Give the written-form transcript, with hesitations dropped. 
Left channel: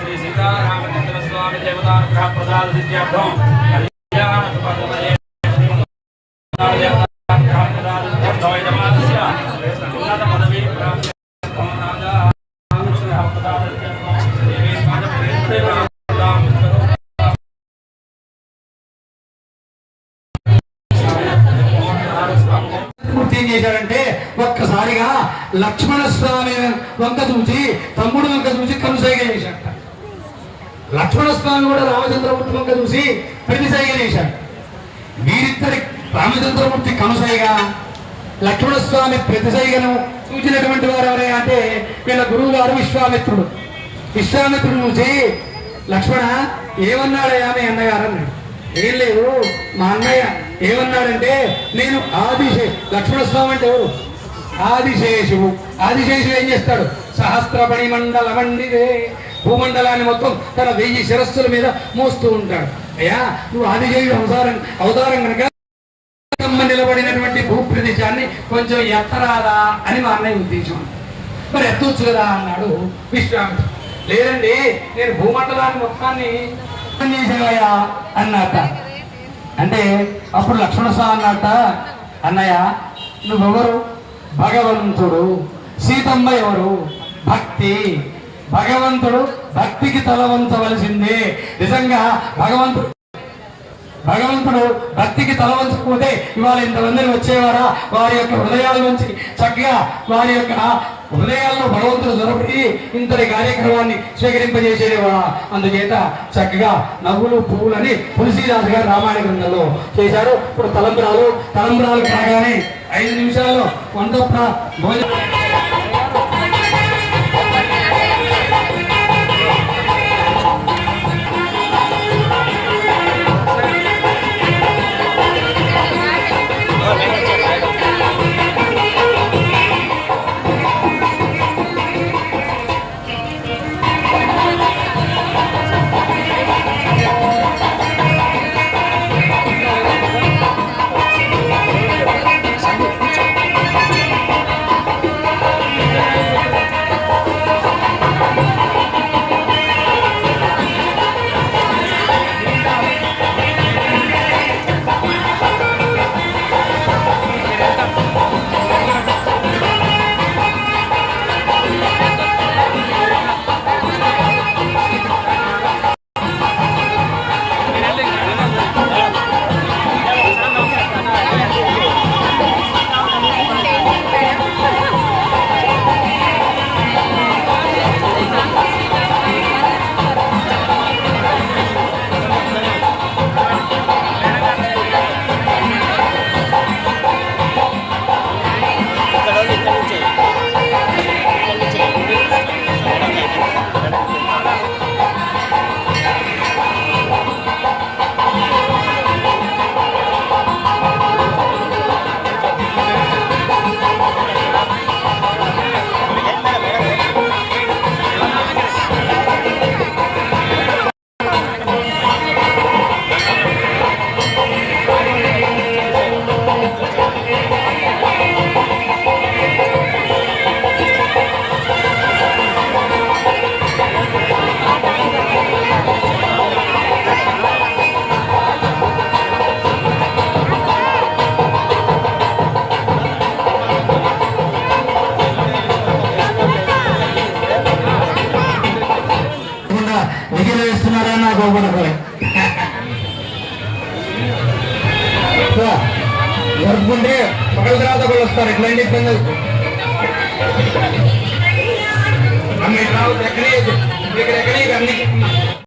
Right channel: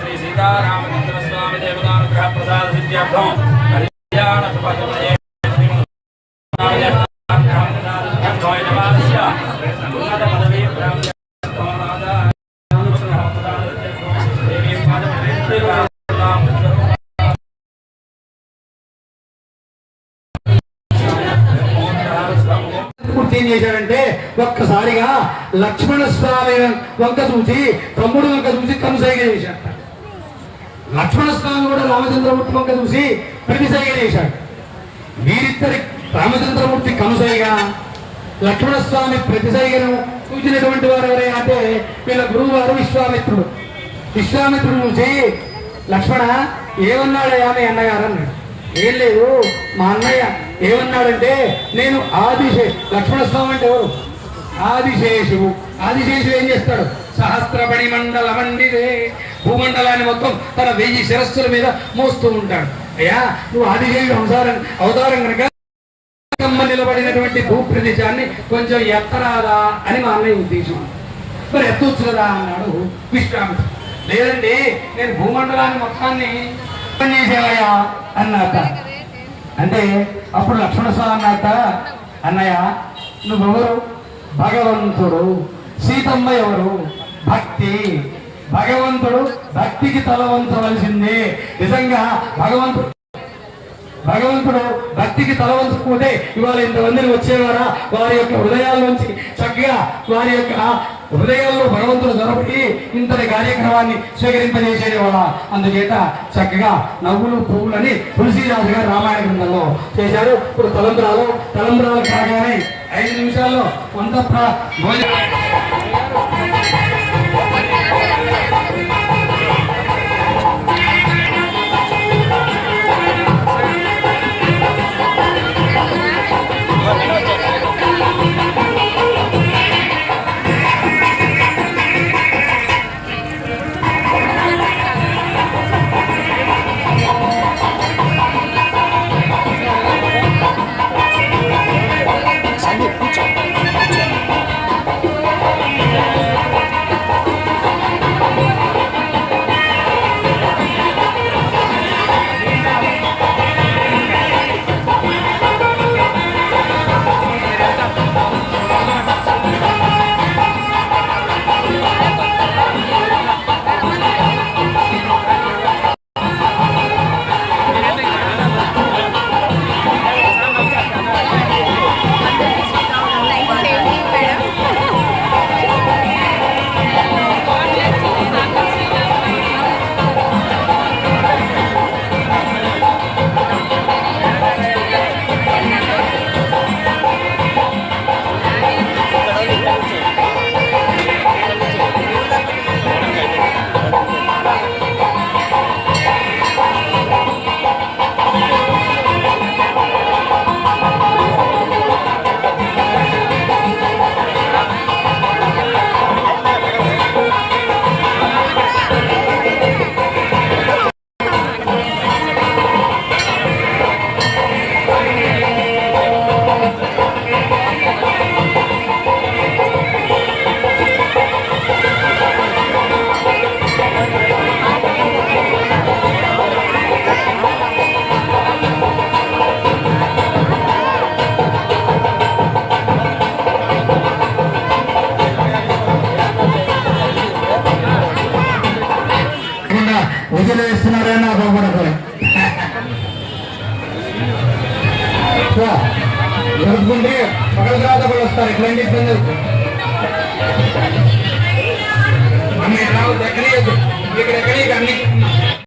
श्री सीतारामचंद्र स्वामी देवतानुग्रह प्रसाद सिद्ध्यर्थम कल्याण सुपदमये ఏం చేశాడంటే ఒక్కసారిగా లక్ష్మణ స్వామి వంక చూసి తమ్ముడు వంక చూసి కనుసైగ చేశాడు. లక్ష్మణ స్వామి కూడా రామచంద్రమూర్తి వంక చూసి ప్రతిసైగ చేశాడు. వీరిద్దరి రామచంద్రమూర్తి కనుసైగా లక్ష్మణ స్వామి ప్రతిసైగను చూసినటువంటి వారు ఎవరే అంటే వీళ్ళ గురువు గారు విశ్వామిత్రుడు. విశ్వామిత్రుడు చూసి లక్ష్మణ ఏమన్నాడయ్యా మీ అన్నగారు అన్నాడు. ఏం లేదు మా అన్నయ్య ఏమన్నాడంటే నేను లక్ష్మణస్వామి అంటే ఎవరు? ఆదిశేషువు. ఆదిశేషువు ఏం చేస్తాడు? సహస్రపణి మండల మండిదే భూమండలాన్ని మొత్తం తన 1000 శిరస్సుల మీద మోస్తూ ఉంటాడు. అయ్యా నువ్వు ఆదిశేషుడు అవతారం కనుక నిలబడినటువంటి భూప్రదేశాన్ని కొంచెం ఎత్తరాదా అని మా అన్నయ్య ఉద్దేశం. మరి ఎత్తవచ్చు కదా అన్నాడు విశ్వామిత్రుడు. లేదండి నేను భూమండలాన్ని మొత్తాన్ని చేసేవయ్యా అన్నట. అంటే అప్పుడు లక్ష్మణస్వామి అన్నట, అన్నయ్య నువ్వెవరు? భగవంతుడు. సీతమ్మ ఎవరు? భక్తి. భగవంతుడు భక్తికి తలవంచవలసిందే. నిజంగా భగవంతుడు భక్తికి తలవంచకపోతే ఇవాళ ఇంతమందిని వచ్చేవారా? వారి యొక్క హృదయాల నుంచి చక్కగా వారి యొక్క హృదయాల్లో భగవంతుడు దొరకబడి ఇంతటి కార్యక్రమాన్ని స్వీకరింపజేసేవాడా? అందుచేత చక్కగా నవ్వులు పువ్వులని తులసీదాస్ గారు రామాయణ గ్రంథంలో చేశారు. ఇప్పుడు తలంబ్రాలు కాగానే 5 నిమిషాల్లో వంద నిఖిల వేస్తున్నారని నాకు ఒకటి జరుపుకుంటే పగల తర్వాత కూడా వస్తారు. ఇట్లాంటి ఇబ్బంది అమ్మ ఇట్లా ఎక్కడే ఇక్కడ ఎక్కడే అన్ని